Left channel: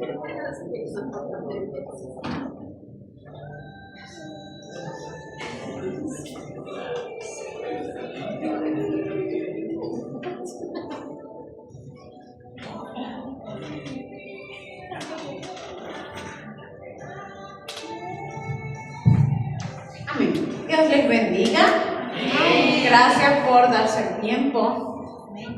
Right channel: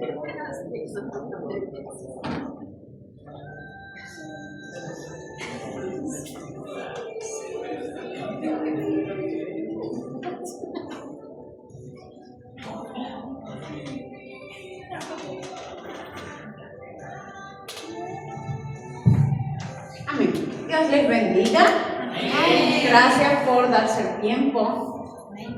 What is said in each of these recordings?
Amén. Dios les bendiga. Gracias por darse el tiempo.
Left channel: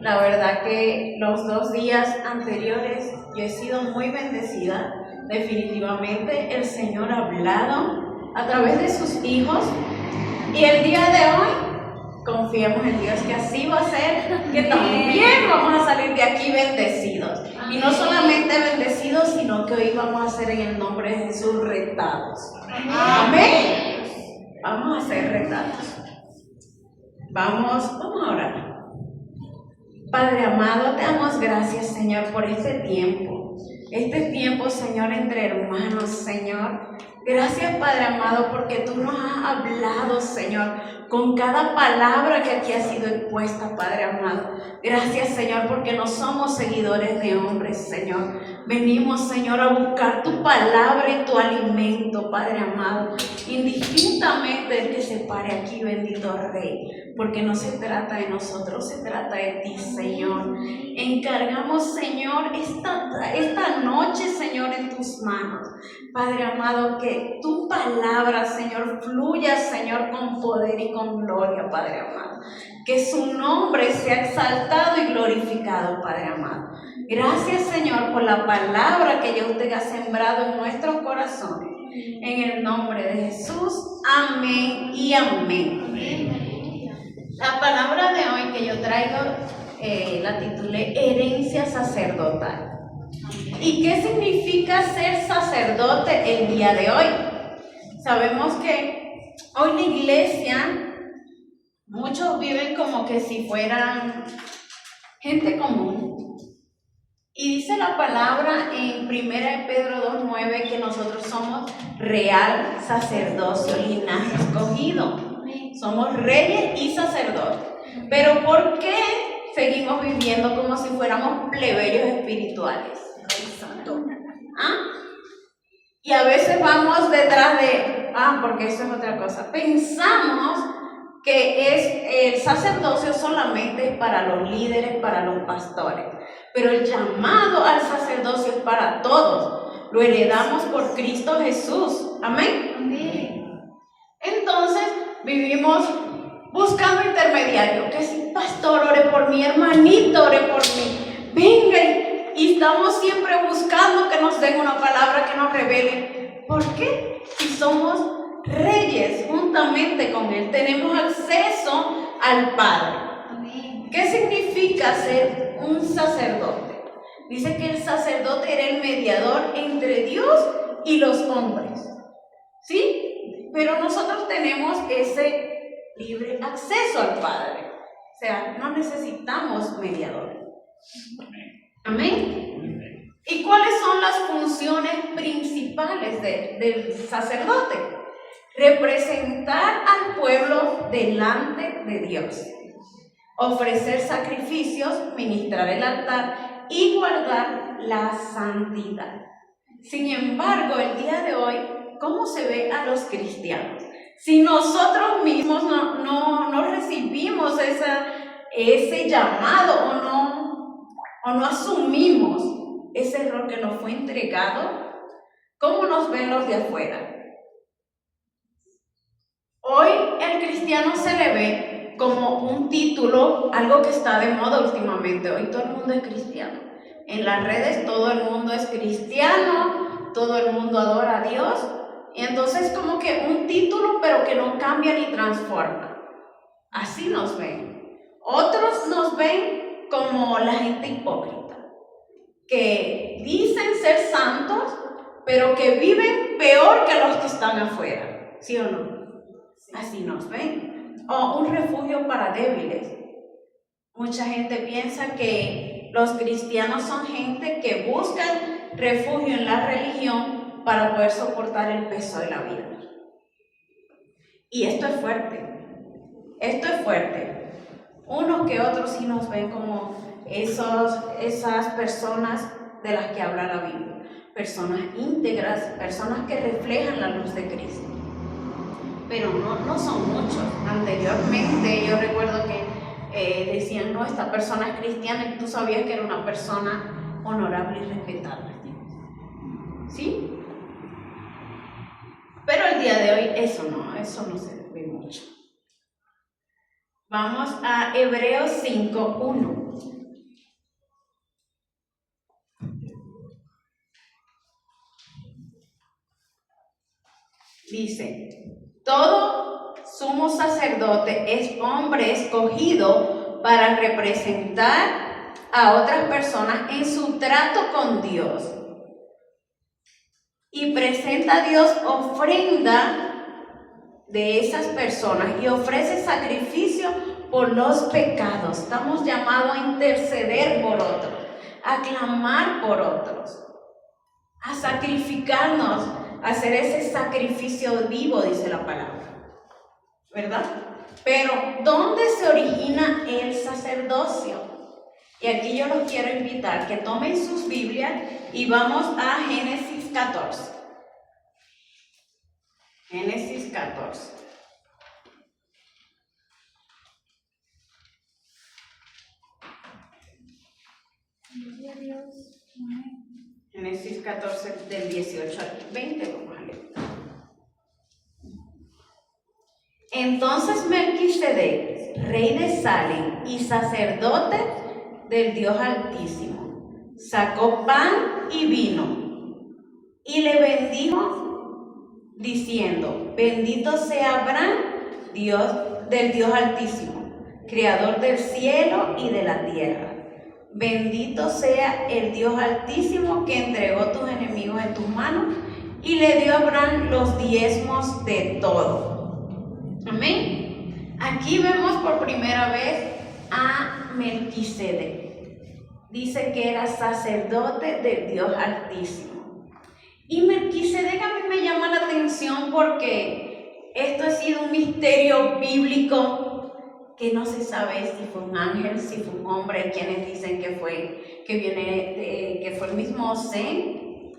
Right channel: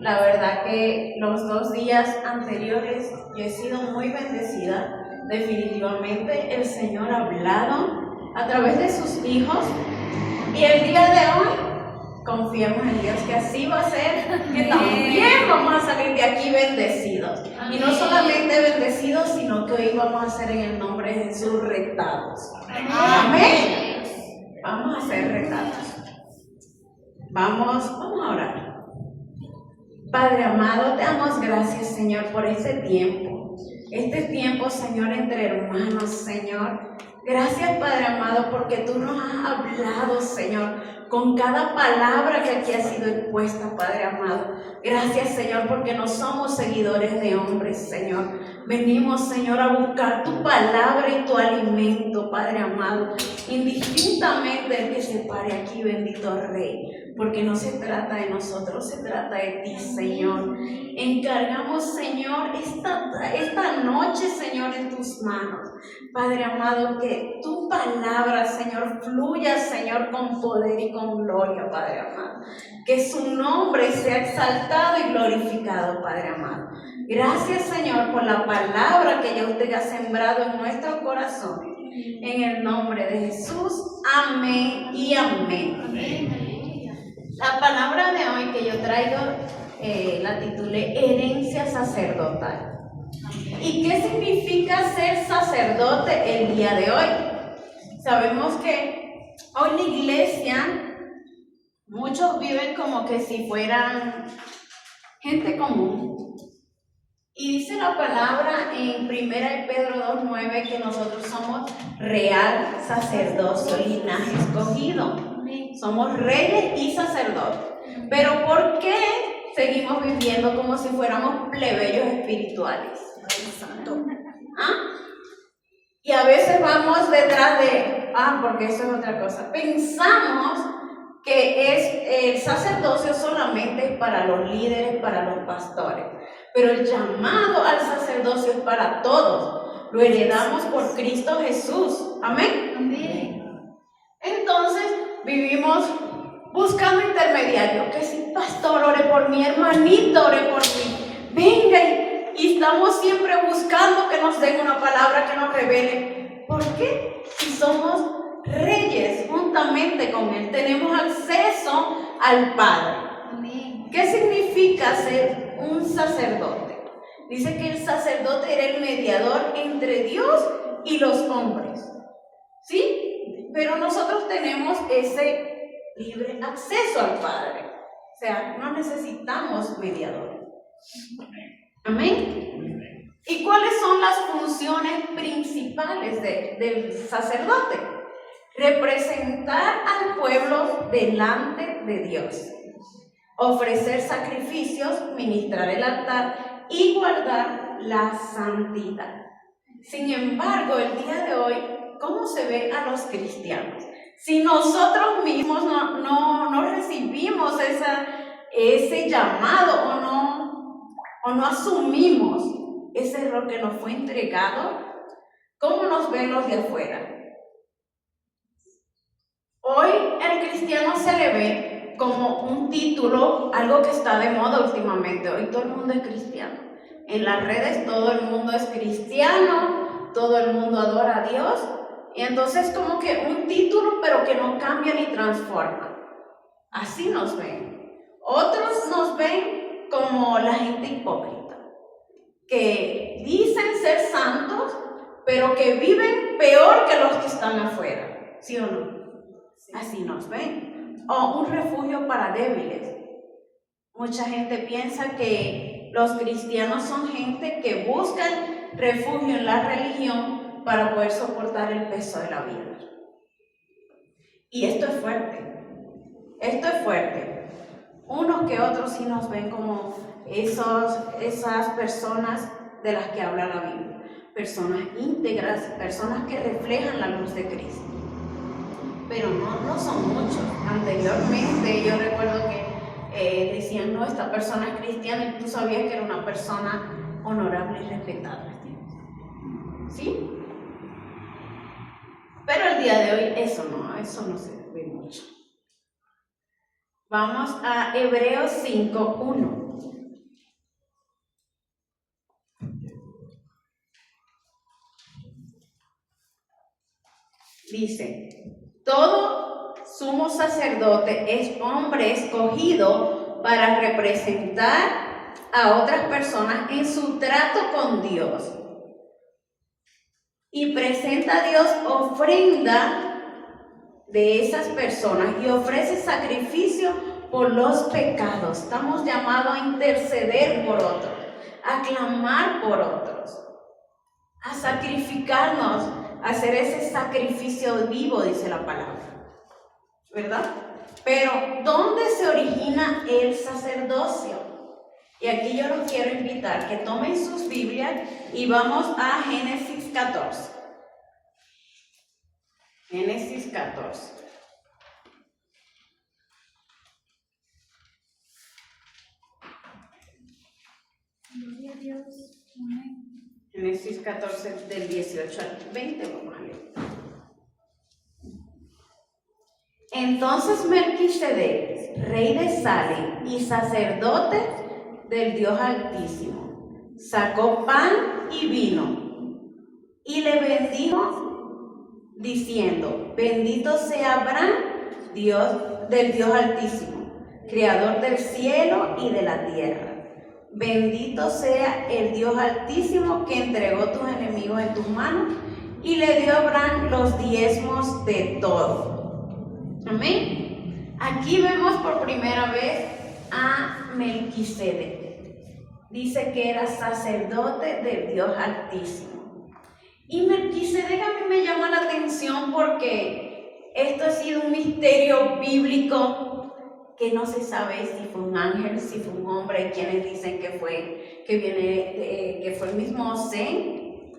La verdad que los 2 días anteriores yo he sido muy bendecida. Definitivamente el Señor ha hablado a través de sus hijos. Y el día de hoy, confiemos en Dios que así va a ser, que también vamos a salir de aquí bendecidos. Y no solamente bendecidos, sino que hoy vamos a ser en el nombre de Jesús retados. Amén. Vamos a ser retados. Vamos a orar. Padre amado, te damos gracias, Señor, por este tiempo, Señor, entre hermanos, Señor. Gracias, Padre amado, porque tú nos has hablado, Señor, con cada palabra que aquí ha sido expuesta, Padre amado. Gracias, Señor, porque no somos seguidores de hombres, Señor. Venimos, Señor, a buscar tu palabra y tu alimento, Padre amado. Indistintamente el que se pare aquí, bendito Rey, porque no se trata de nosotros, se trata de ti, Señor. Encargamos, Señor, esta noche, Señor, en tus manos. Padre amado, que tu palabra, Señor, fluya, Señor, con poder y con gloria, Padre amado. Que su nombre sea exaltado y glorificado, Padre amado. Gracias, Señor, por la palabra que ya usted ha sembrado en nuestros corazones. En el nombre de Jesús, amén y amén. La palabra de hoy que yo traigo la titulé Herencia Sacerdotal. ¿Y qué significa ser sacerdote el día de hoy? Sabemos que hoy la iglesia, muchos viven como que si fueran gente común. Y dice la palabra en 1 Pedro 2:9 que nosotros somos real sacerdocio, linaje escogido. Somos reyes y sacerdotes. Pero ¿por qué seguimos viviendo como si fuéramos plebeyos espirituales? ¿Ah? Y a veces vamos detrás de, porque eso es otra cosa. Pensamos que el sacerdocio solamente es para los líderes, para los pastores. Pero el llamado al sacerdocio es para todos. Lo heredamos por Cristo Jesús. Amén. Amén. Entonces vivimos buscando intermediarios. Que si pastor ore por mí, hermanito ore por mí. Venga, y estamos siempre buscando que nos den una palabra que nos revele. ¿Por qué? Si somos reyes juntamente con Él, tenemos acceso al Padre. Amén. ¿Qué significa ser un sacerdote? Dice que el sacerdote era el mediador entre Dios y los hombres. ¿Sí? Pero nosotros tenemos ese libre acceso al Padre. O sea, no necesitamos mediador. Amén. ¿Y cuáles son las funciones principales del sacerdote? Representar al pueblo delante de Dios, ofrecer sacrificios, ministrar el altar y guardar la santidad. Sin embargo, el día de hoy, ¿cómo se ve a los cristianos? Si nosotros mismos no recibimos ese llamado o no asumimos ese rol que nos fue entregado, ¿cómo nos ven los de afuera? Hoy el cristiano se le ve como un título, algo que está de moda últimamente. Hoy todo el mundo es cristiano. En las redes todo el mundo es cristiano, todo el mundo adora a Dios. Y entonces como que un título pero que no cambia ni transforma. Así nos ven. Otros nos ven como la gente hipócrita, que dicen ser santos, pero que viven peor que los que están afuera. ¿Sí o no? Así nos ven. O un refugio para débiles. Mucha gente piensa que los cristianos son gente que buscan refugio en la religión para poder soportar el peso de la vida. Y esto es fuerte. Esto es fuerte. Unos que otros sí nos ven como esas personas de las que habla la Biblia. personas íntegras, personas que reflejan la luz de Cristo. Pero no son muchos. Anteriormente yo recuerdo que decían, no, esta persona es cristiana, y tú sabías que era una persona honorable y respetable. ¿Sí? Pero el día de hoy eso no se ve mucho. Vamos a Hebreos 5:1. Dice, todo sumo sacerdote es hombre escogido para representar a otras personas en su trato con Dios. Y presenta a Dios ofrenda de esas personas y ofrece sacrificio por los pecados. Estamos llamados a interceder por otros, a clamar por otros, a sacrificarnos, a hacer ese sacrificio vivo, dice la palabra, ¿verdad? Pero, ¿dónde se origina el sacerdocio? Y aquí yo los quiero invitar que tomen sus Biblias y vamos a Génesis 14. Génesis 14. Génesis 14 del 18 al 20, vamos a leer. Entonces Melquisedec, rey de Salem y sacerdote del Dios Altísimo, sacó pan y vino y le bendijo diciendo, bendito sea Abraham, Dios del Dios Altísimo, creador del cielo y de la tierra. Bendito sea el Dios Altísimo que entregó tus enemigos en tus manos y le dio a Abraham los diezmos de todo. Amén. Aquí vemos por primera vez a Melquisedec. Dice que era sacerdote del Dios Altísimo. Y Melquisedec a mí me llama la atención porque esto ha sido un misterio bíblico que no se sabe si fue un ángel, si fue un hombre. Hay quienes dicen que fue el mismo Zen.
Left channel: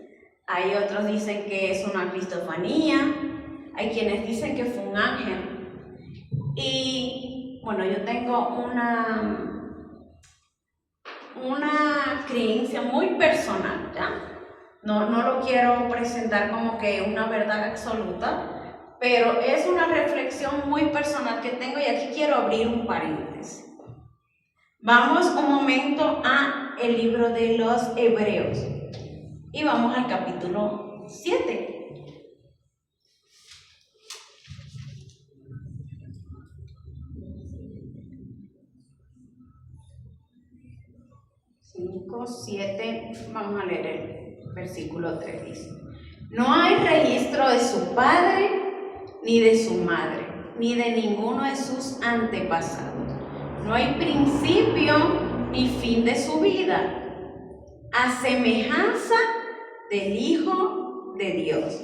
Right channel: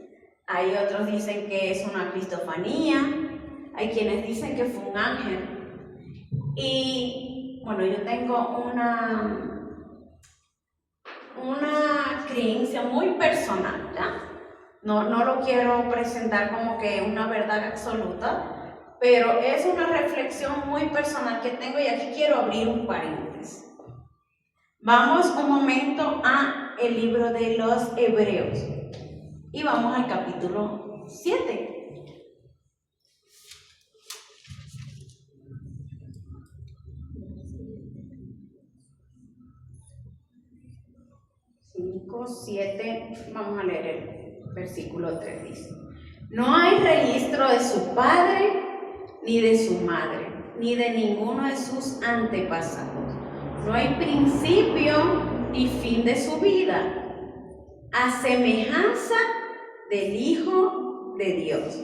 Hay otros dicen que es una cristofanía. Hay quienes dicen que fue un ángel. Y bueno, yo tengo una creencia muy personal, ¿ya? No lo quiero presentar como que una verdad absoluta, pero es una reflexión muy personal que tengo y aquí quiero abrir un paréntesis. Vamos un momento a el libro de los Hebreos y vamos al capítulo 7. Vamos a leer el versículo 3, dice: no hay registro de su padre, ni de su madre, ni de ninguno de sus antepasados. No hay principio ni fin de su vida, a semejanza del Hijo de Dios.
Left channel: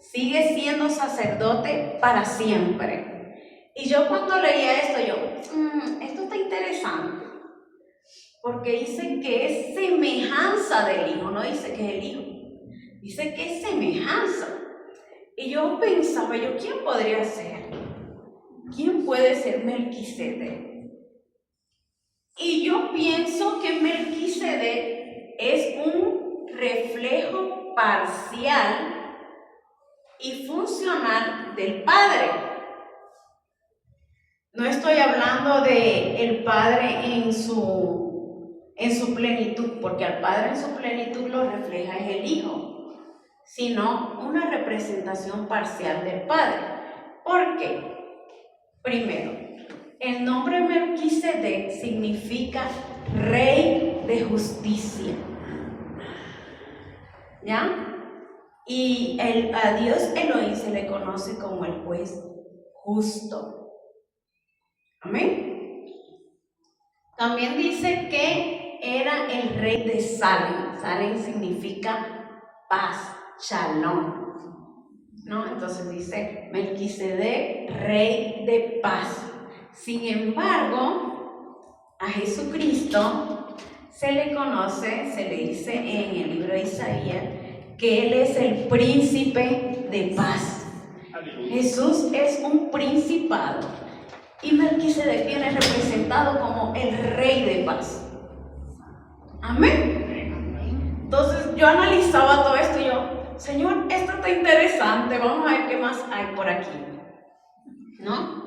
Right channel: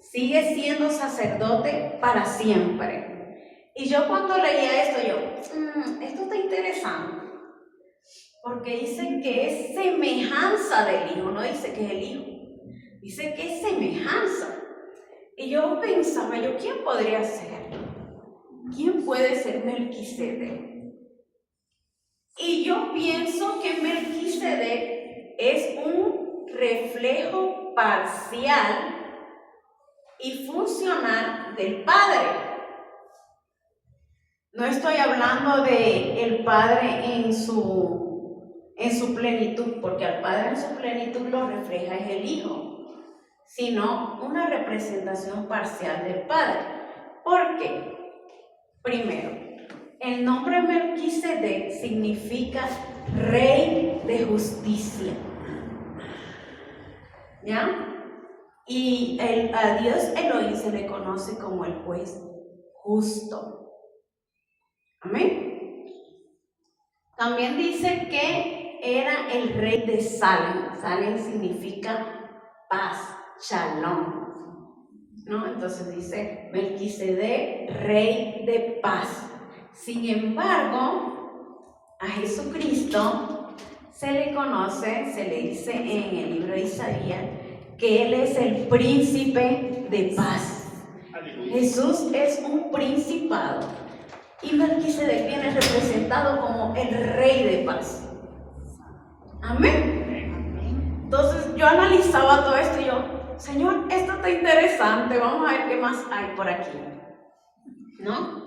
Sigue siendo sacerdote para siempre. Y yo cuando leía esto, esto está interesante. Porque dice que es semejanza del Hijo, no dice que es el Hijo, dice que es semejanza. Y yo pensaba, ¿quién podría ser? ¿Quién puede ser Melquisedec? Y yo pienso que Melquisedec es un reflejo parcial y funcional del Padre. No estoy hablando de el Padre en su plenitud, porque al Padre en su plenitud lo refleja es el Hijo, sino una representación parcial del Padre. ¿Por qué? Primero, el nombre Melquisedec significa rey de justicia, ¿ya? Y a Dios Elohim se le conoce como el juez justo. Amén. También dice que era el rey de Salem. Salem significa paz, shalom, ¿no? Entonces dice Melquisedec, rey de paz. Sin embargo, a Jesucristo se le conoce, se le dice en el libro de Isaías, que Él es el príncipe de paz. Jesús es un principado y Melquisedec viene representado como el rey de paz. Amén. Entonces yo analizaba todo esto y yo, Señor, esto está interesante, vamos a ver qué más hay por aquí, ¿no?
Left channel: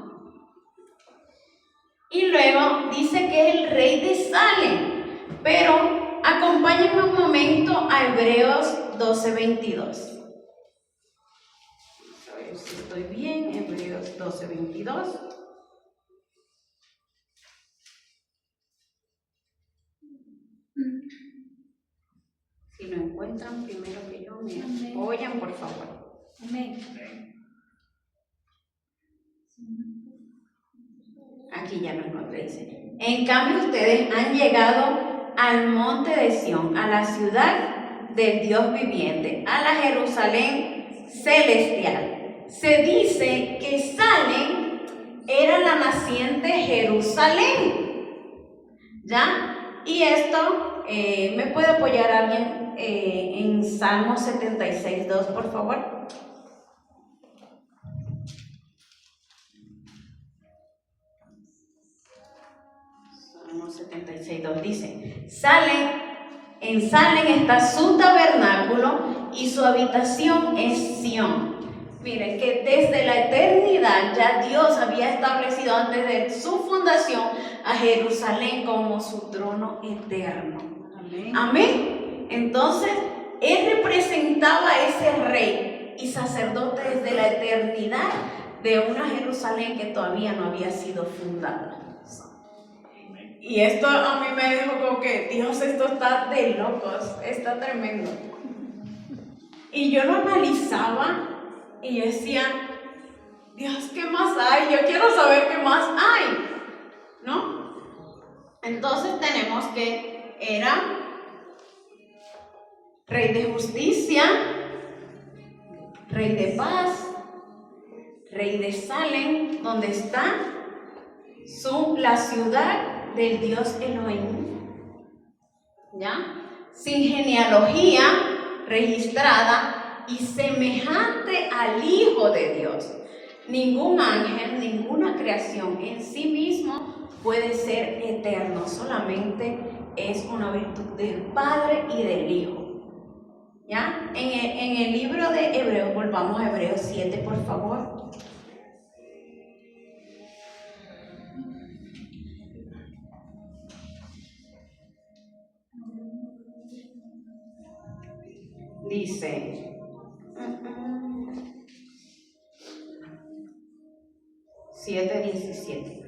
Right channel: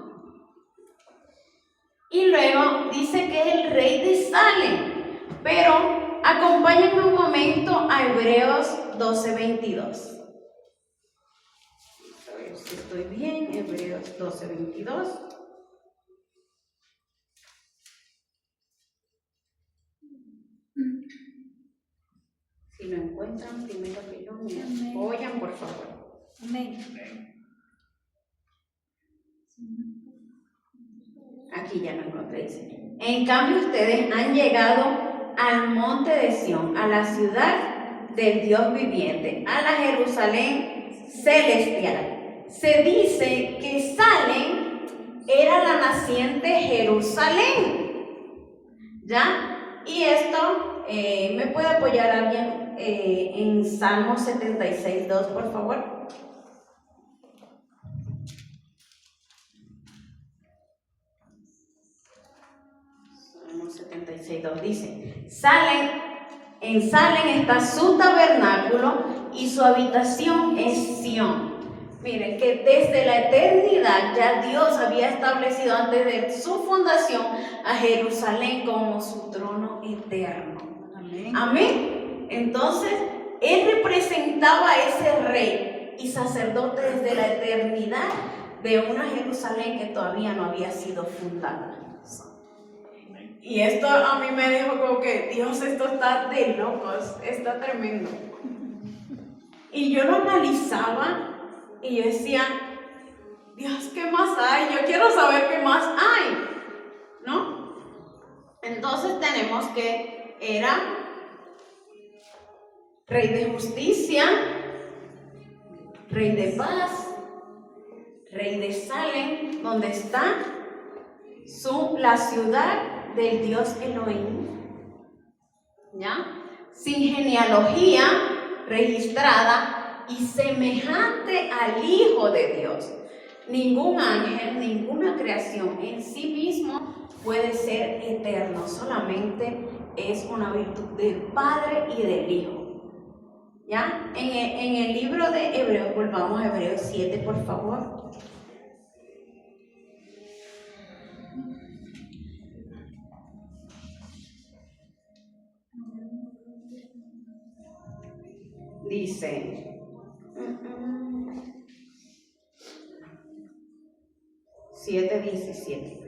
Y luego dice que es el rey de Salem, pero acompáñenme un momento a Hebreos 12:22. A ver si estoy bien, Hebreos 12:22. Si lo encuentran primero que yo, me apoyan, por favor. Amén. Aquí ya lo encontré, dice. En cambio, ustedes han llegado al monte de Sión, a la ciudad del Dios viviente, a la Jerusalén celestial. Se dice que Salem era la naciente Jerusalén. ¿Ya? Y esto, ¿me puede apoyar alguien en Salmo 76:2, por favor? Salmo 76:2 dice: en Salem está su tabernáculo y su habitación es Sión. Miren que desde la eternidad ya Dios había establecido antes de su fundación a Jerusalén como su trono eterno. Amén. Amén. Entonces, Él representaba a ese rey y sacerdote desde la eternidad de una Jerusalén que todavía no había sido fundada. Y esto a mí me dijo como que, Dios, esto está de locos, está tremendo. Y yo lo analizaba y yo decía, Dios, ¿qué más hay? Yo quiero saber qué más hay, ¿no? Entonces tenemos que era rey de justicia, rey de paz, rey de Salem, donde está la ciudad del Dios Elohim, ¿ya? Sin genealogía registrada y semejante al Hijo de Dios. Ningún ángel, ninguna creación en sí mismo puede ser eterno, solamente es una virtud del Padre y del Hijo. ¿Ya? En el libro de Hebreos, volvamos a Hebreos 7, por favor. Dice 7:17.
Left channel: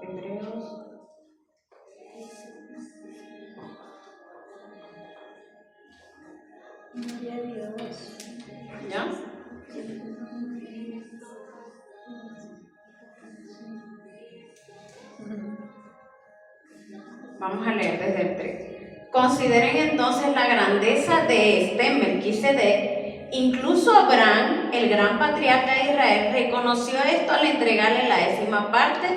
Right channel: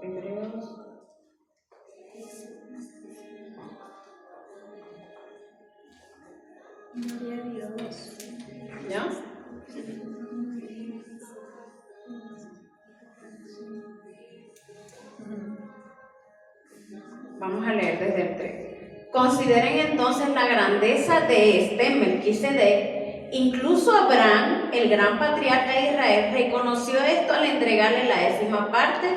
Hebreos. ¿Ya? Vamos a leer desde el 3. Consideren entonces la grandeza de Melquisedec. Incluso Abraham, el gran patriarca de Israel, reconoció esto al entregarle la 10ª parte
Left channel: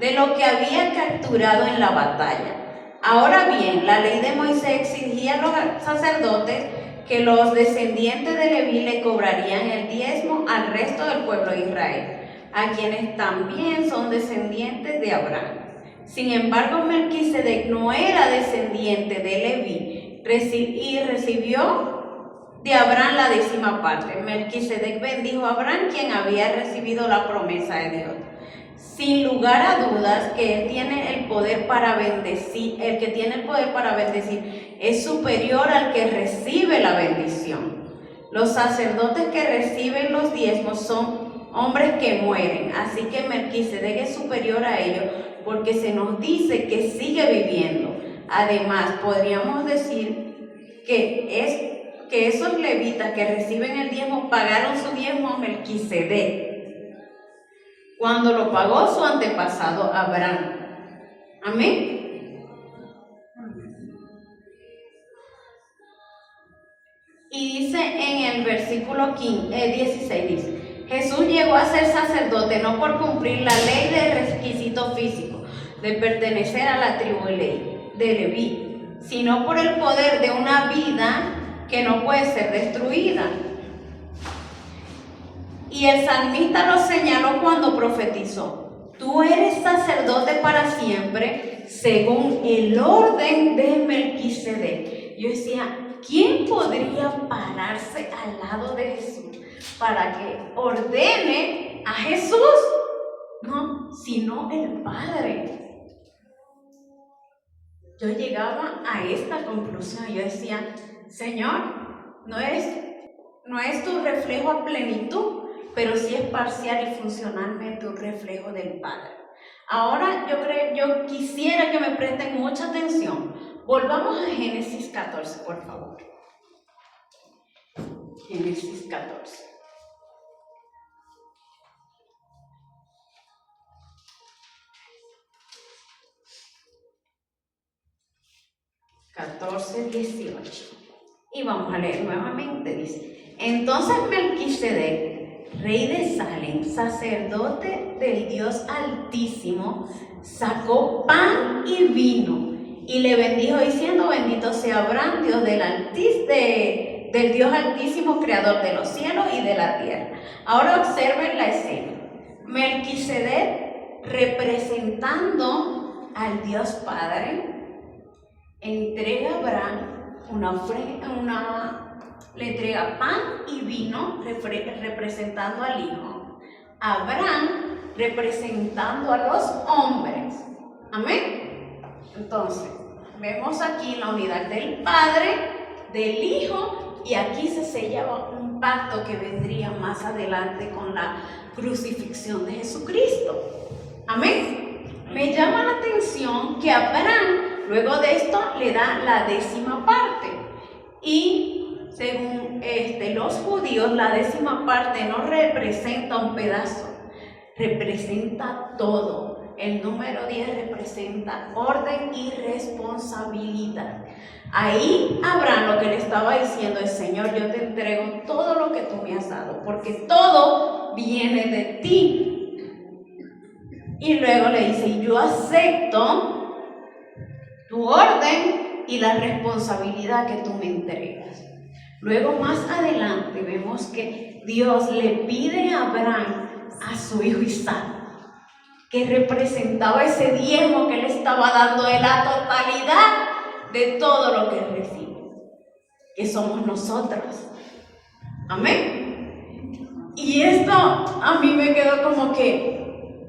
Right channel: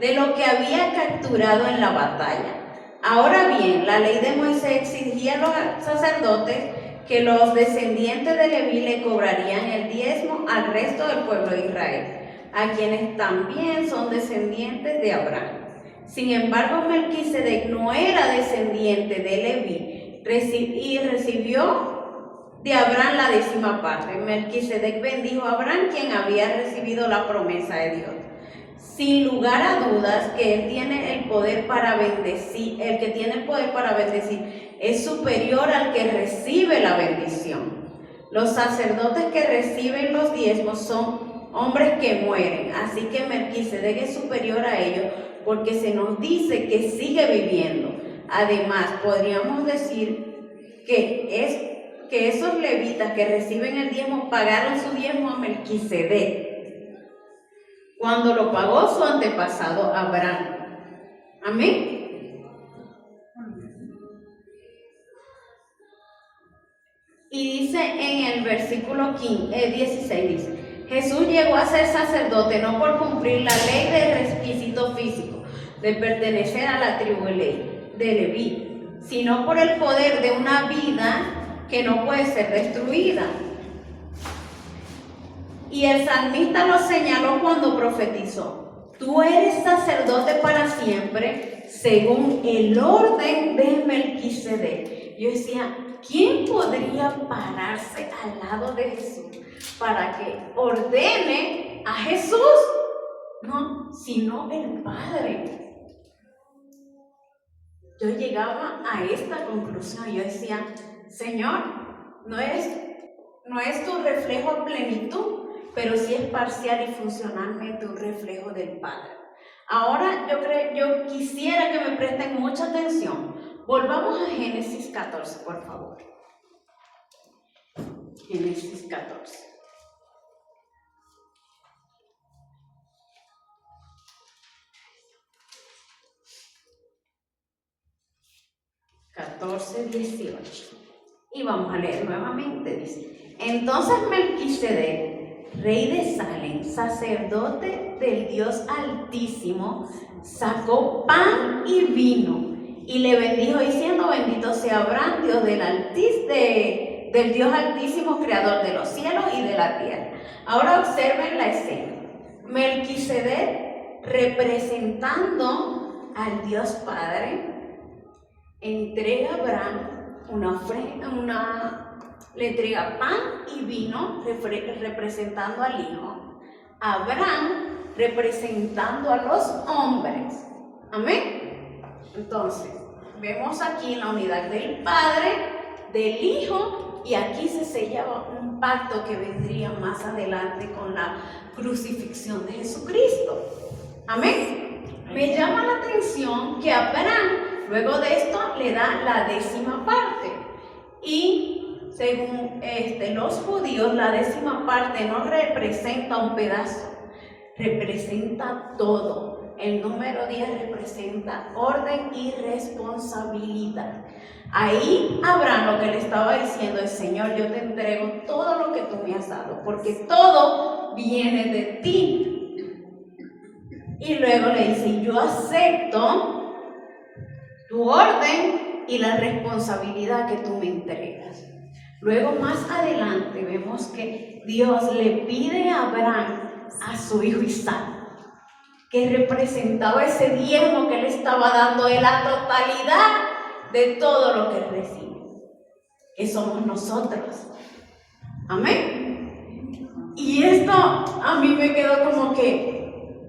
de lo que había capturado en la batalla. Ahora bien, la ley de Moisés exigía a los sacerdotes que los descendientes de Leví le cobrarían el diezmo al resto del pueblo de Israel, a quienes también son descendientes de Abraham. Sin embargo, Melquisedec no era descendiente de Leví y recibió de Abraham la 10ª parte. Melquisedec bendijo a Abraham, quien había recibido la promesa de Dios. Sin lugar a dudas que él tiene el poder para bendecir, el que tiene el poder para bendecir es superior al que recibe la bendición. Los sacerdotes que reciben los diezmos son hombres que mueren, así que Melquisedec es superior a ellos porque se nos dice que sigue viviendo. Además, podríamos decir que esos levitas que reciben el diezmo pagaron su diezmo a Melquisedec cuando lo pagó su antepasado Abraham. Amén. Y dice en el versículo 16, dice: Jesús llegó a ser sacerdote no por cumplir la ley de requisito físico de pertenecer a la tribu de Leví, sino por el poder de una vida que no puede ser destruida. Y el salmista lo señaló cuando profetizó: tú eres sacerdote para siempre, según el orden de Melquisedec. Yo decía, ¿quién podría pararse al lado de Jesús para que ordene a Jesús? No, sino el Padre. Yo llegaba a esta conclusión. Yo decía, Señor, no es tu reflejo a plenitud, pero sí es parcial y funcionalmente un reflejo del Padre. Ahora yo quisiera que me presten mucha atención. Volvamos a Génesis 14, por favor. Génesis 14. Y vamos a leer nuevamente, dice: entonces Melquisedec, rey de Salem, sacerdote del Dios Altísimo, sacó pan y vino y le bendijo diciendo: bendito sea Abraham, Dios del Dios Altísimo, creador de los cielos y de la tierra. Ahora observen la escena. Melquisedec, representando al Dios Padre, entrega a Abraham una ofrenda, le entrega pan y vino representando al Hijo. Abraham representando a los hombres. Amén. Entonces, vemos aquí la unidad del Padre, del Hijo, y aquí se sellaba un pacto que vendría más adelante con la crucifixión de Jesucristo. Amén. Me llama la atención que Abraham, luego de esto, le da la 10ª parte. Y según los judíos, la 10ª parte no representa un pedazo, representa todo. El número 10 representa orden y responsabilidad. Ahí Abraham lo que le estaba diciendo es: Señor, yo te entrego todo lo que tú me has dado, porque todo viene de ti. Y luego le dice: yo acepto tu orden y la responsabilidad que tú me entregas. Luego más adelante vemos que Dios le pide a Abraham a su hijo Isaac, que representaba ese diezmo que le estaba dando de la totalidad de todo lo que él recibe, que somos nosotros. Amén. Y esto a mí me quedó como que,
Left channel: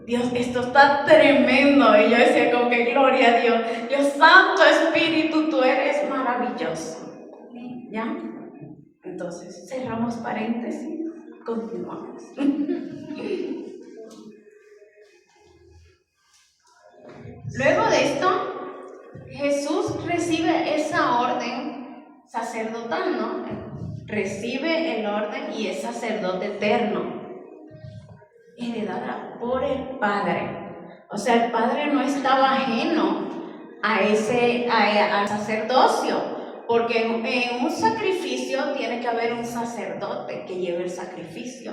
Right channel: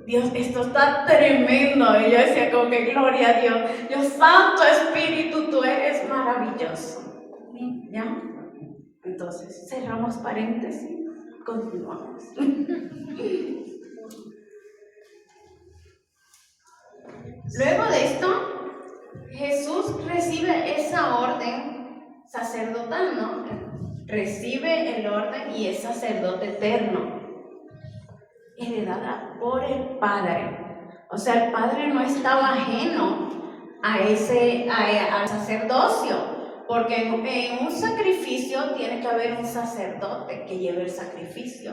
Dios, esto está tremendo. Y yo decía como que gloria a Dios. Dios Santo Espíritu, tú eres maravilloso. ¿Ya? Entonces, cerramos paréntesis, continuamos. Luego de esto, Jesús recibe esa orden sacerdotal, ¿no? Recibe el orden y es sacerdote eterno, heredada por el Padre. O sea, el Padre no estaba ajeno al sacerdocio, porque en un sacrificio tiene que haber un sacerdote que lleve el sacrificio.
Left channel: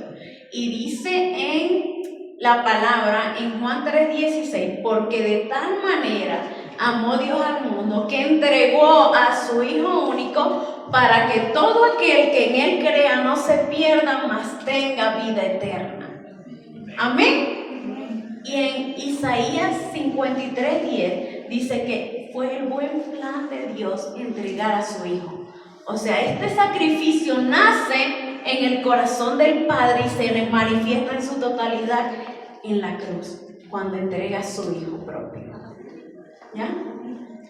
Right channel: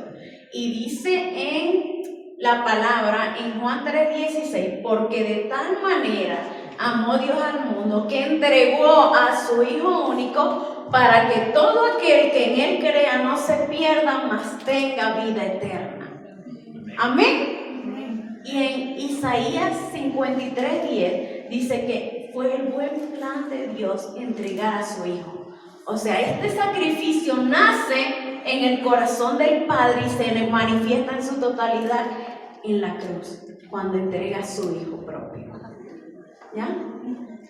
Y dice en la palabra, en Juan 3:16, porque de tal manera amó Dios al mundo que entregó a su Hijo único para que todo aquel que en Él crea no se pierda, mas tenga vida eterna. Amén. Y en Isaías 53:10 dice que fue el buen plan de Dios entregar a su Hijo. O sea, este sacrificio nace en el corazón del Padre y se le manifiesta en su totalidad en la cruz, cuando entrega a su Hijo propio. ¿Ya?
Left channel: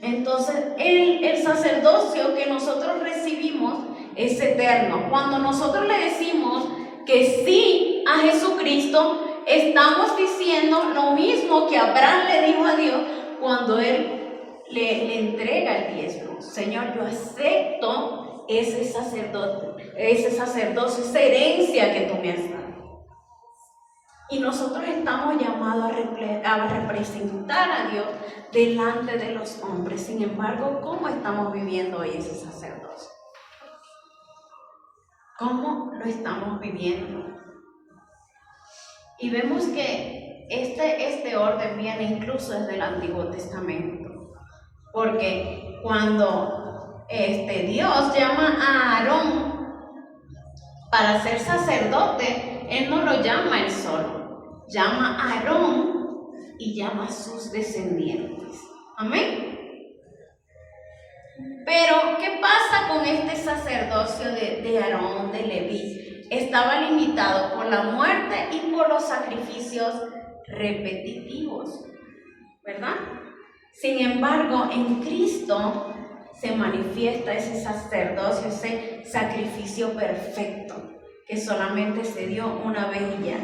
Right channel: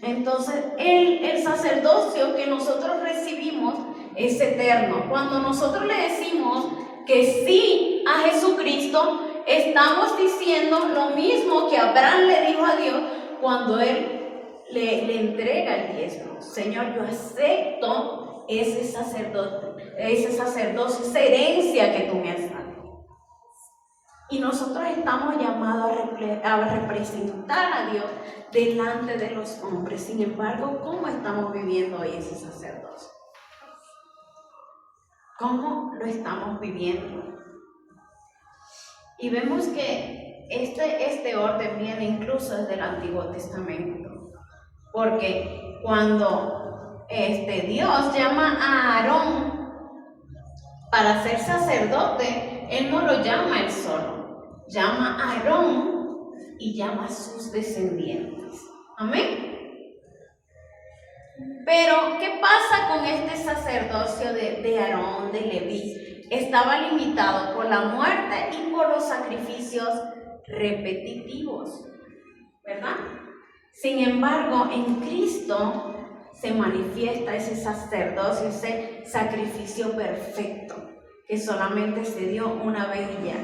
Entonces, el sacerdocio que nosotros recibimos es eterno. Cuando nosotros le decimos que sí a Jesucristo, estamos diciendo lo mismo que Abraham le dijo a Dios cuando él le entrega el diezmo. Señor, yo acepto ese sacerdocio, esa herencia que tú me has dado. Y nosotros estamos llamados a representar a Dios delante de los hombres. Sin embargo, ¿cómo estamos viviendo hoy ese sacerdocio? ¿Cómo lo estamos viviendo? Y vemos que este orden viene incluso desde el Antiguo Testamento. Porque cuando Dios llama a Aarón para ser sacerdote, Él no lo llama él solo, llama a Aarón y llama a sus descendientes. Amén. Pero, ¿qué pasa con este sacerdocio de Aarón, de Leví? Estaba limitado por la muerte y por los sacrificios repetitivos, ¿verdad? Sin embargo, en Cristo se manifiesta ese sacerdocio, ese sacrificio perfecto, que solamente se dio una vez ya.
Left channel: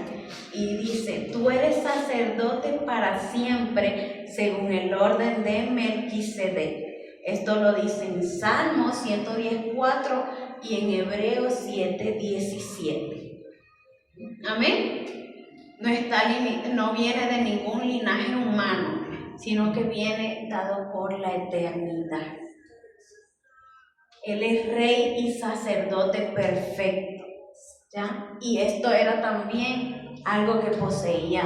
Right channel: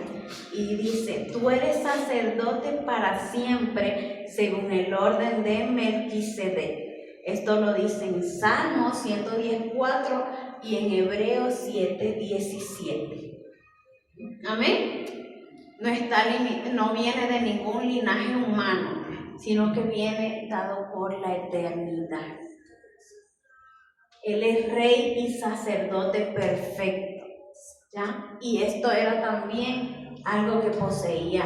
Y dice, tú eres sacerdote para siempre, según el orden de Melquisedec. Esto lo dice en Salmos 114 y en Hebreos 7:17. Amén. No viene de ningún linaje humano, sino que viene dado por la eternidad. Él es rey y sacerdote perfecto, ¿ya? Y esto era también algo que poseía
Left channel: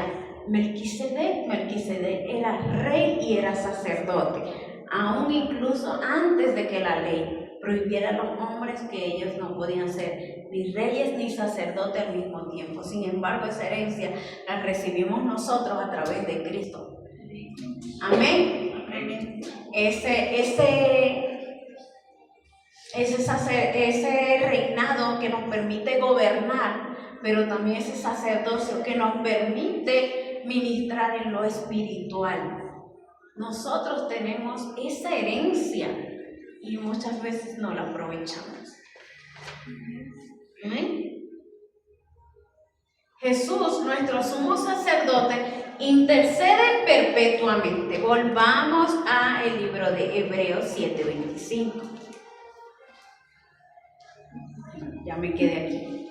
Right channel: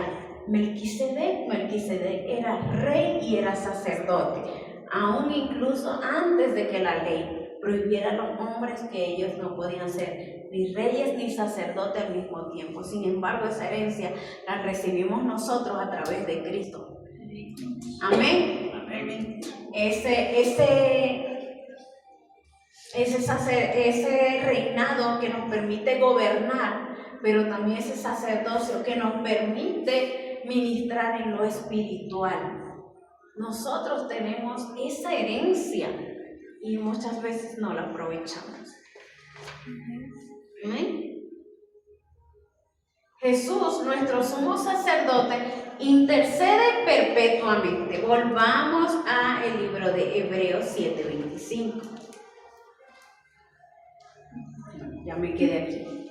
Melquisedec. Melquisedec era rey y era sacerdote, aún incluso antes de que la ley prohibiera a los hombres que ellos no podían ser ni reyes ni sacerdotes al mismo tiempo. Sin embargo, esa herencia la recibimos nosotros a través de Cristo. Amén. Amén. Ese reinado que nos permite gobernar, pero también ese sacerdocio que nos permite ministrar en lo espiritual. Nosotros tenemos esa herencia y muchas veces no la aprovechamos. ¿Amén? Jesús, nuestro sumo sacerdote, intercede perpetuamente. Volvamos al libro de Hebreos 7:25. Ya me quedé aquí.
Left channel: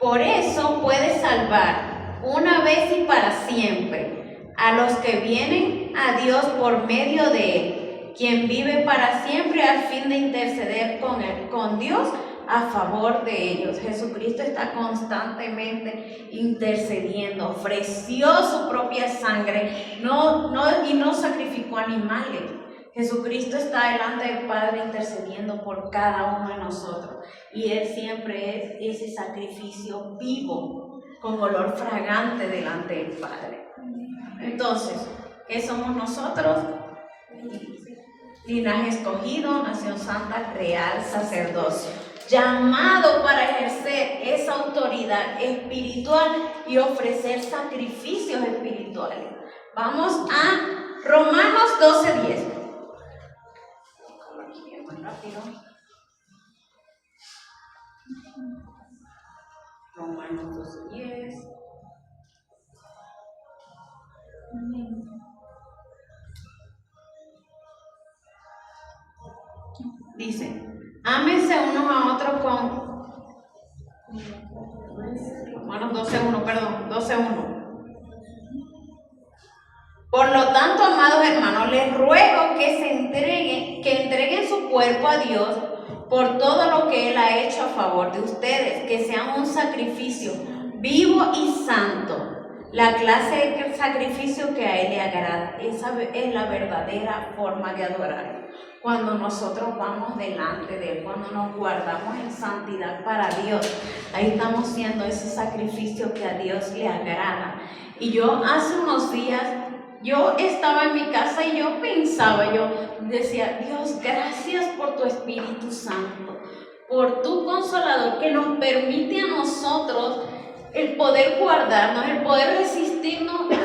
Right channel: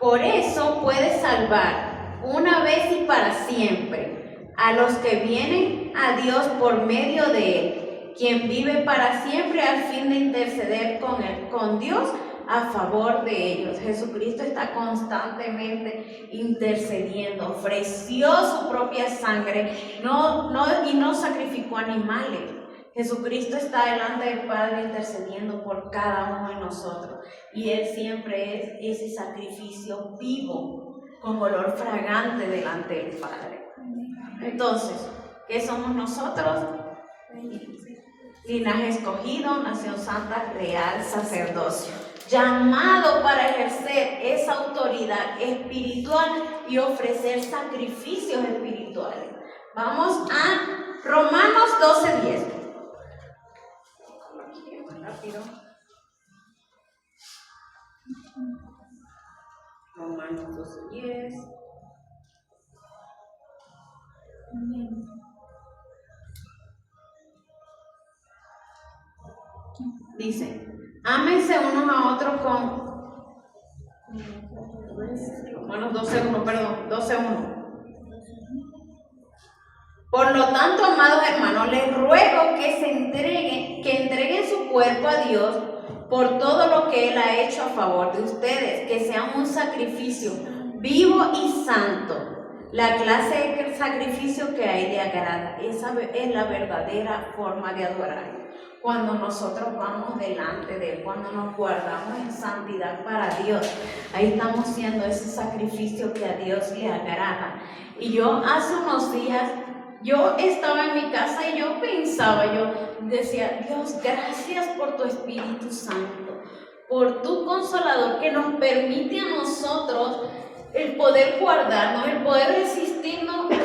Por eso puede salvar una vez y para siempre a los que vienen a Dios por medio de Él, quien vive para siempre al fin de interceder con Dios a favor de ellos. Jesucristo está constantemente intercediendo, ofreció su propia sangre, y no sacrificó animales. Jesucristo está delante del Padre intercediendo por cada uno de nosotros, y Él siempre es ese sacrificio vivo, con olor fragante delante del Padre. Entonces, ¿qué somos nosotros? Linaje escogido, nación santa, real, sacerdocio, llamado para ejercer esa autoridad espiritual y ofrecer sacrificios espirituales. Vamos a Romanos 12:10. Rápido. Romanos 12:10. Dice, ámense unos a otros con Romanos 12:1. Por lo tanto, amados hermanos, les ruego que entreguen su cuerpo a Dios por todo lo que Él ha hecho a favor de ustedes, que sean un sacrificio vivo y santo, la clase de sacrificio que a Él le agrada. Esa es la verdadera forma de adorar. Cuando nosotros vamos delante de Él, cuando nos guardamos en santidad para Dios, ahí estamos haciendo ese sacrificio que a Dios le agrada. Y yo hace unos días, yo estaba en mi casa y yo decía, Dios, gracias por tu Espíritu Santo, por tu Consolador que nos permite a nosotros el poder guardarnos, el poder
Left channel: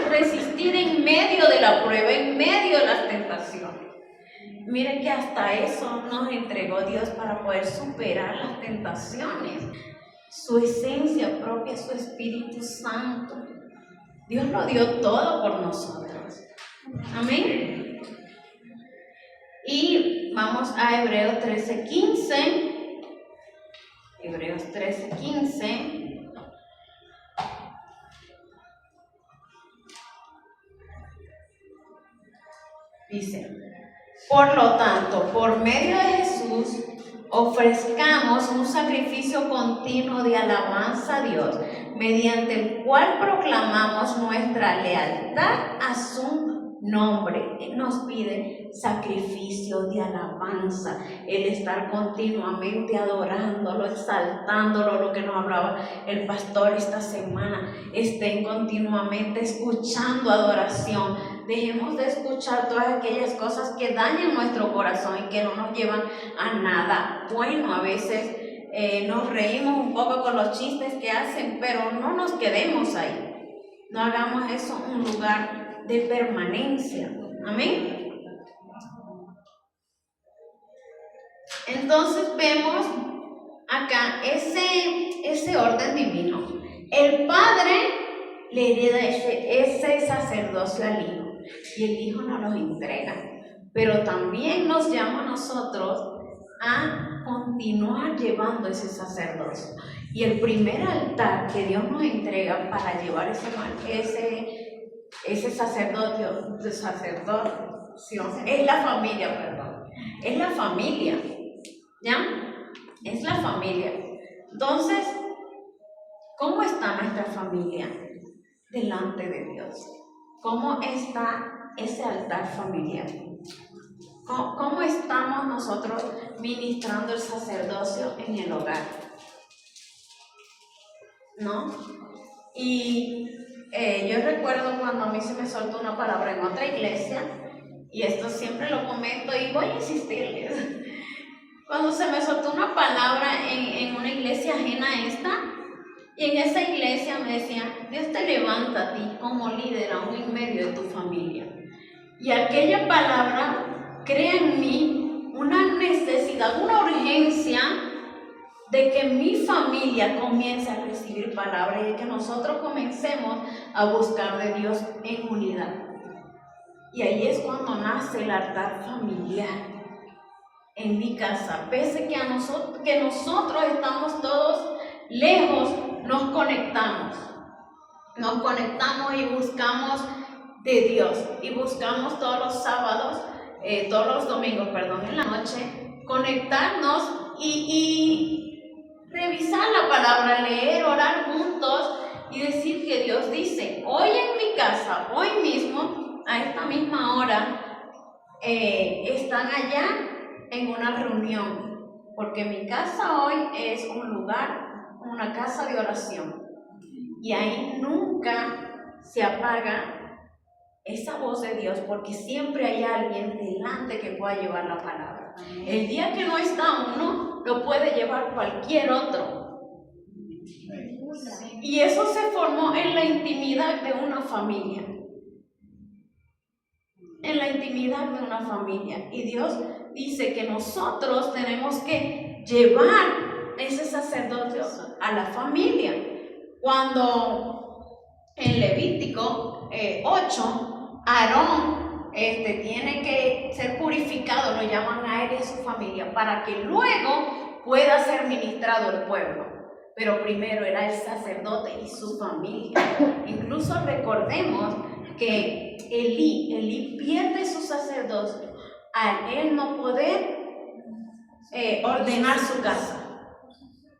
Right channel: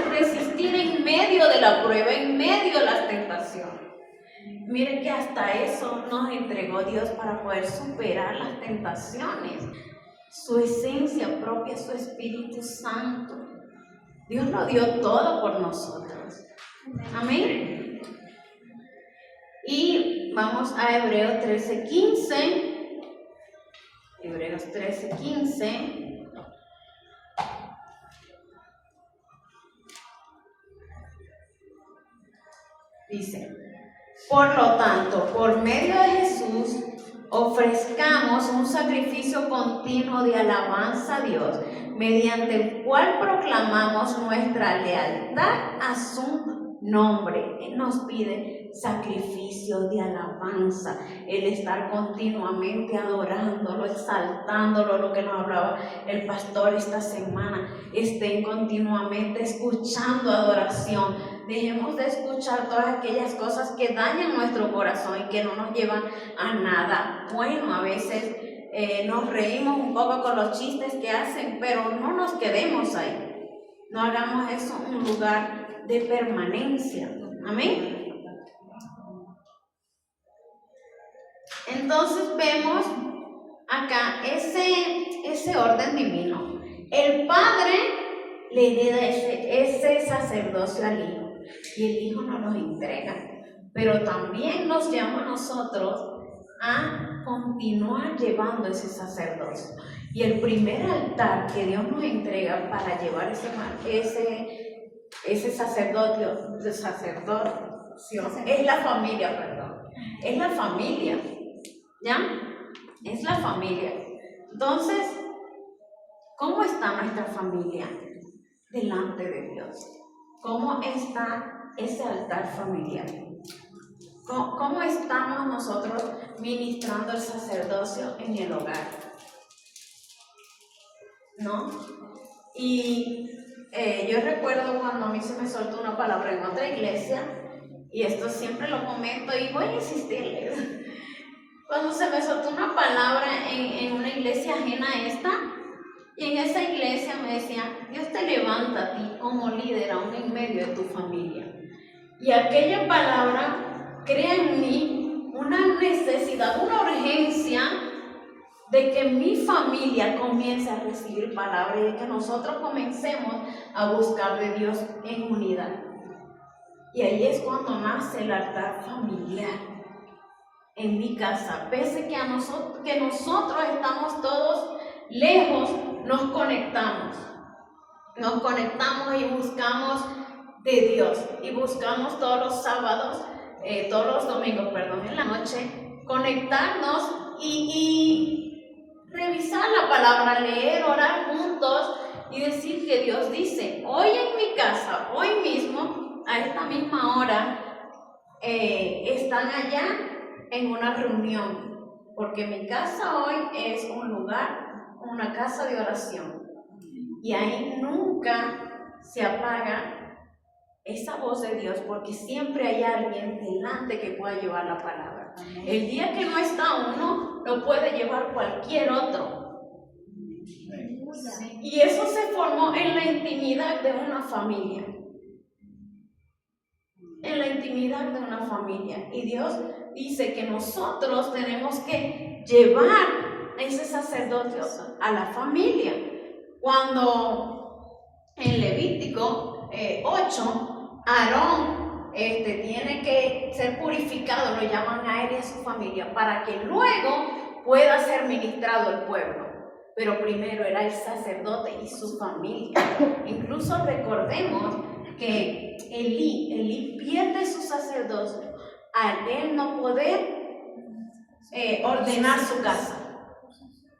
resistir en medio de la prueba, en medio de las tentaciones. Mire que hasta eso nos entregó Dios para poder superar las tentaciones. Su esencia propia, su Espíritu Santo. Dios lo dio todo por nosotros. Amén. Y vamos a Hebreos 13:15. Hebreos 13:15. Dice, por lo tanto, por medio de Jesús, ofrezcamos un sacrificio continuo de alabanza a Dios, mediante el cual proclamamos nuestra lealtad a su nombre. Él nos pide sacrificio de alabanza, el estar continuamente adorándolo, exaltándolo, lo que nos hablaba el pastor esta semana. Estén continuamente escuchando adoración. Dejemos de escuchar todas aquellas cosas que dañan nuestro corazón y que no nos llevan a nada bueno. A veces nos reímos un poco con los chistes que hacen, pero no nos quedemos ahí. No hagamos eso un lugar de permanencia. Amén. Entonces vemos acá ese orden divino. El Padre le hereda ese sacerdocio al Hijo y el Hijo nos los entrega, pero también nos llama a nosotros a continuar llevando ese sacerdocio. Y el primer altar que Dios nos entrega para llevar ese sacerdocio es la familia, perdón. Es la familia, ¿ya? Es la familia. Entonces, ¿cómo está nuestra familia delante de Dios? ¿Cómo está ese altar familiar? ¿Cómo estamos nosotros ministrando el sacerdocio en el hogar? ¿No? Y yo recuerdo cuando a mí se me soltó una palabra en otra iglesia, y esto siempre lo comento y voy a insistirles. Cuando se me soltó una palabra en una iglesia ajena a esta, y en esa iglesia me decían: Dios te levanta a ti como líder aún en medio de tu familia. Y aquella palabra crea en mí una necesidad, una urgencia de que mi familia comience a recibir palabra y de que nosotros comencemos a buscar de Dios en unidad. Y ahí es cuando nace el altar familiar en mi casa. Pese que nosotros estamos todos lejos, nos conectamos y buscamos de Dios, y buscamos todos los sábados, todos los domingos, en la noche, conectarnos y revisar la palabra, leer, orar juntos y decir que Dios dice. Hoy en mi casa, hoy mismo, a esta misma hora, están allá en una reunión, porque mi casa hoy es un lugar, una casa de oración, y ahí nunca se apaga esa voz de Dios, porque siempre hay alguien delante que pueda llevar la palabra. El día que no está uno, lo puede llevar cualquier otro. Y eso se formó en la intimidad de una familia. En la intimidad de una familia. Y Dios dice que nosotros tenemos que llevar ese sacerdocio a la familia. Cuando en Levítico 8, Aarón tiene que ser purificado, lo llaman a él y a su familia, para que luego pueda ser ministrado el pueblo. Pero primero era el sacerdote y su familia. Incluso recordemos que Elí pierde su sacerdocio al él no poder ordenar su casa.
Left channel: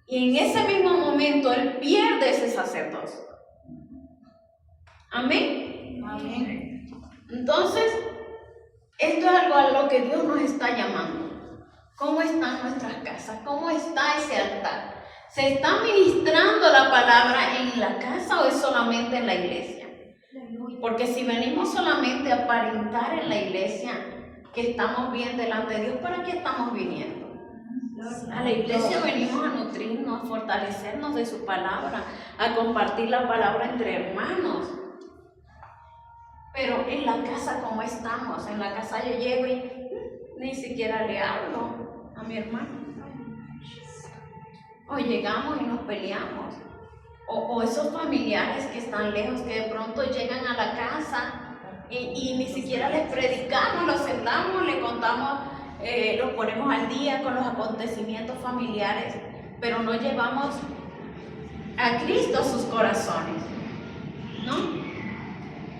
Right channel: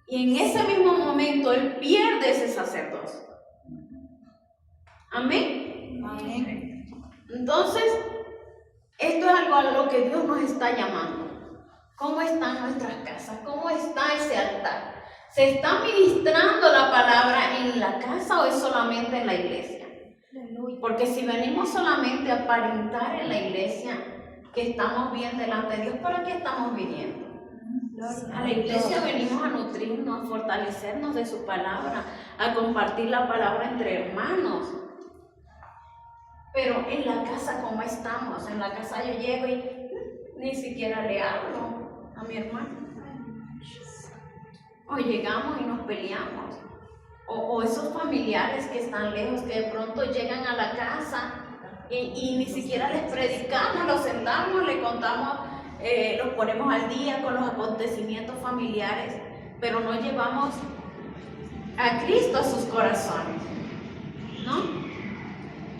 Y en ese mismo momento él pierde ese sacerdocio. Amén. Amén. Entonces, esto es algo a lo que Dios nos está llamando. ¿Cómo están nuestras casas? ¿Cómo está ese altar? ¿Se está ministrando la palabra en la casa o es solamente en la iglesia? Porque si venimos solamente a aparentar en la iglesia que estamos bien delante de Dios, ¿para qué estamos viniendo? A la iglesia venimos a nutrirnos, a fortalecernos de su palabra, a compartir la palabra entre hermanos. Pero en la casa, ¿cómo estamos? En la casa yo llego y ni siquiera le hablo a mi hermano. O llegamos y nos peleamos. O esos familiares que están lejos, que de pronto llegan a la casa y ni siquiera les predicamos, los sentamos, les contamos, los ponemos al día con los acontecimientos familiares, pero no llevamos a Cristo a sus corazones, ¿no?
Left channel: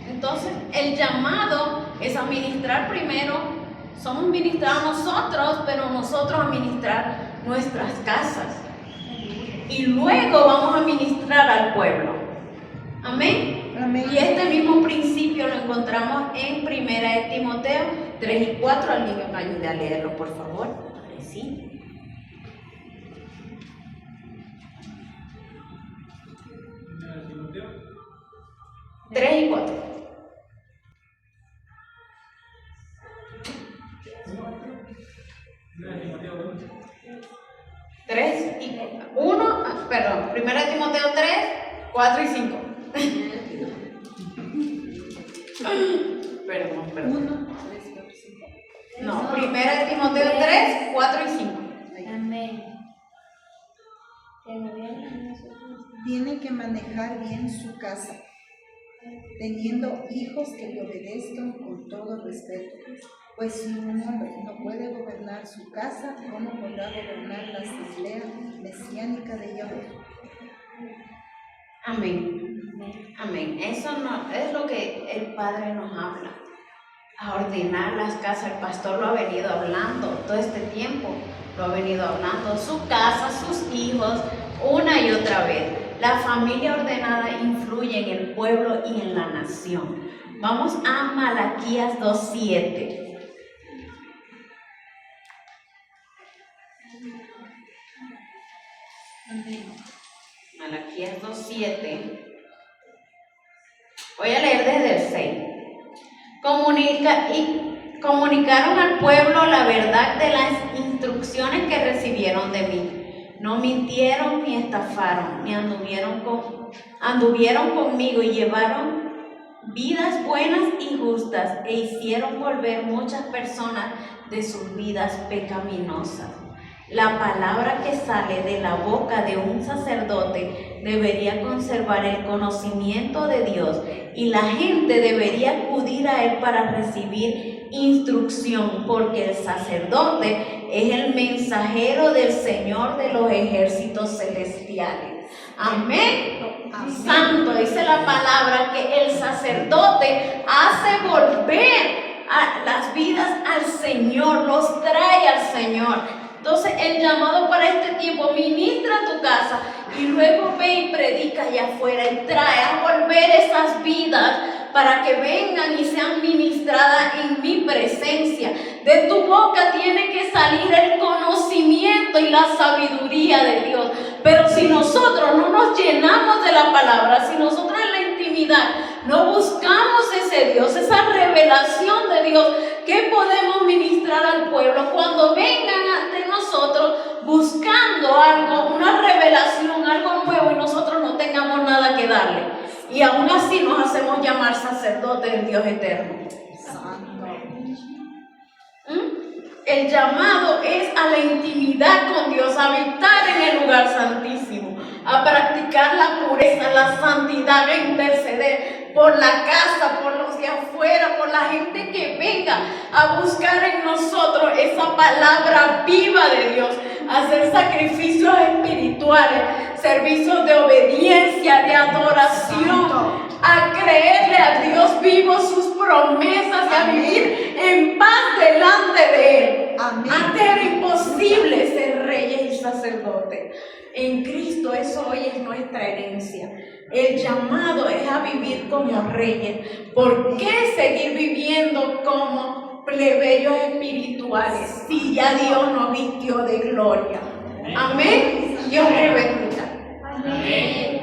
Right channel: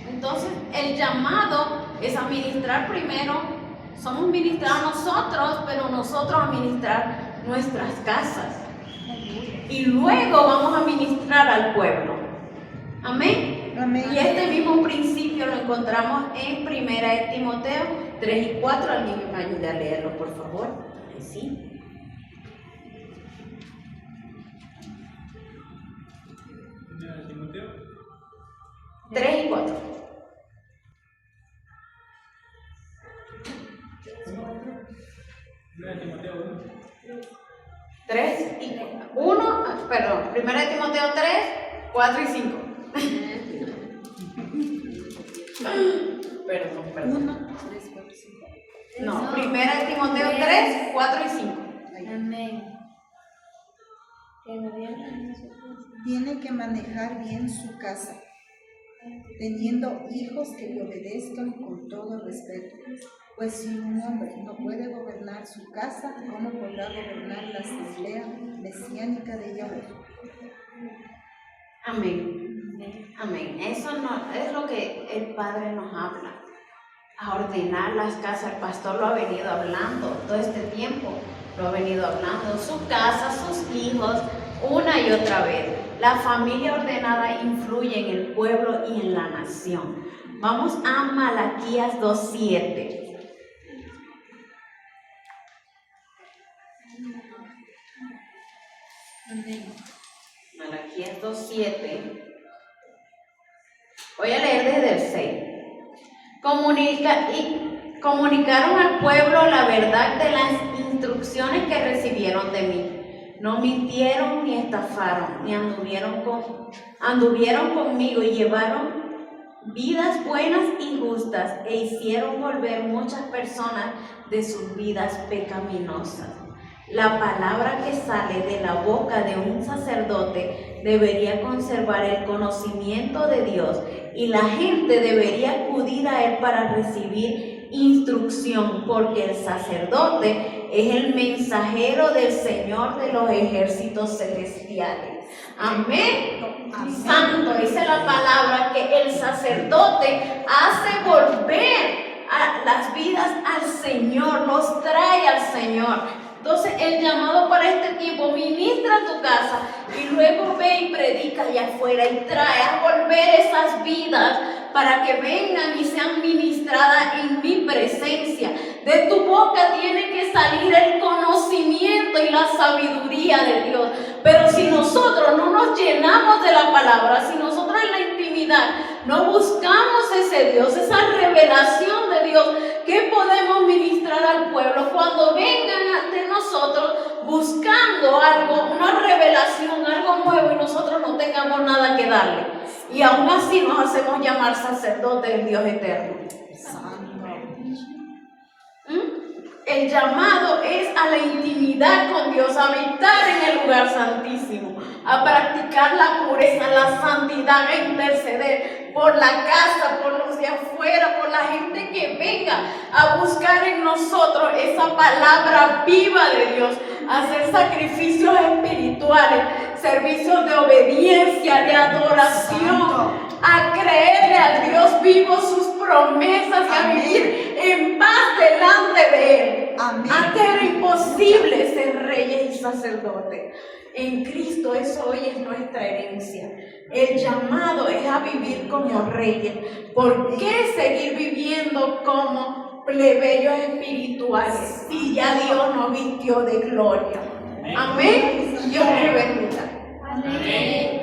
Entonces, el llamado es a ministrar primero. Somos ministrados nosotros, pero nosotros a ministrar nuestras casas. Y luego vamos a ministrar al pueblo. Amén. Amén. Y este mismo principio lo encontramos en 1 de Timoteo 3 y 4. Alguien me ayude a leerlo, por favor. Sí. 3 y 4. 3 y 1, perdón, 1 de Timoteo 3, 4 y 5. Perdón. 1, 3, 4, 5. No, 1 de Timoteo 3, 4 y 5. Amén. Tiene que manejar bien su casa, teniendo hijos que le obedezcan con todo respeto. Pues si un hombre no puede gobernar su casa, ¿cómo podrá gobernar la asamblea mesiánica de Yahweh? Amén. Amén. Eso no, es lo que el Padre nos habla. A ordenar las casas. El pastor lo ha venido hablando todo este tiempo. Lo ha venido hablando. Su casa, sus hijos, una y otra vez. La familia ordenada influye en el pueblo y en la nación. Vamos a Malaquías 2:7. Malaquías 2:7. Voy a leer desde el 6. Comunicaron al pueblo la verdad de las instrucciones que recibieron de mí. No mintieron ni estafaron, ni anduvieron conmigo y llevaron vidas buenas y justas e hicieron volver muchas personas de sus vidas pecaminosas. La palabra que sale de la boca de un sacerdote debería conservar el conocimiento de Dios y la gente debería acudir a él para recibir instrucción, porque el sacerdote es el mensajero del Señor de los ejércitos celestiales. Amén. Santo, dice la palabra que el sacerdote hace volver a las vidas al Señor, los trae al Señor. Entonces el llamado para este tiempo: ministra tu casa y luego ve y predica allá afuera y trae a volver esas vidas para que vengan y sean ministradas en mi presencia. De tu boca tiene que salir el conocimiento y la sabiduría de Dios. Pero si nosotros no nos llenamos de la palabra, si nosotros en la intimidad no buscamos ese Dios, esa revelación de Dios, ¿qué podemos ministrar al pueblo cuando vengan ante nosotros buscando algo, una revelación, algo nuevo, y nosotros no tengamos nada que darle? Y aún así nos hacemos llamar sacerdotes del Dios eterno. El llamado es a la intimidad con Dios, a habitar en el lugar santísimo, a practicar la pureza, la santidad, a interceder por la casa, por los de afuera, por la gente que venga a buscar en nosotros esa palabra viva de Dios, a hacer sacrificios espirituales, servicios de obediencia, de adoración, a creerle al Dios vivo sus promesas y a vivir en paz delante de Él. Amén. Antes era imposible ser reyes y sacerdotes. En Cristo eso hoy es nuestra herencia. El llamado es a vivir como reyes. ¿Por qué seguir viviendo como plebeyos espirituales si ya Dios nos vistió de gloria? Amén. Dios te bendiga. Amén.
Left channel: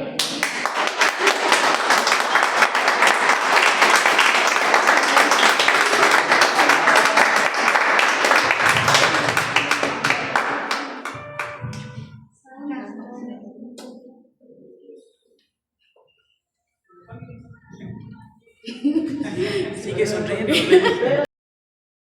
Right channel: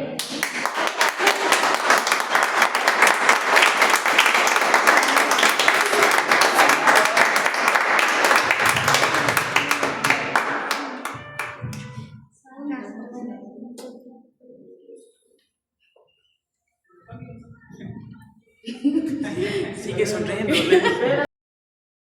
Sigue sonriendo.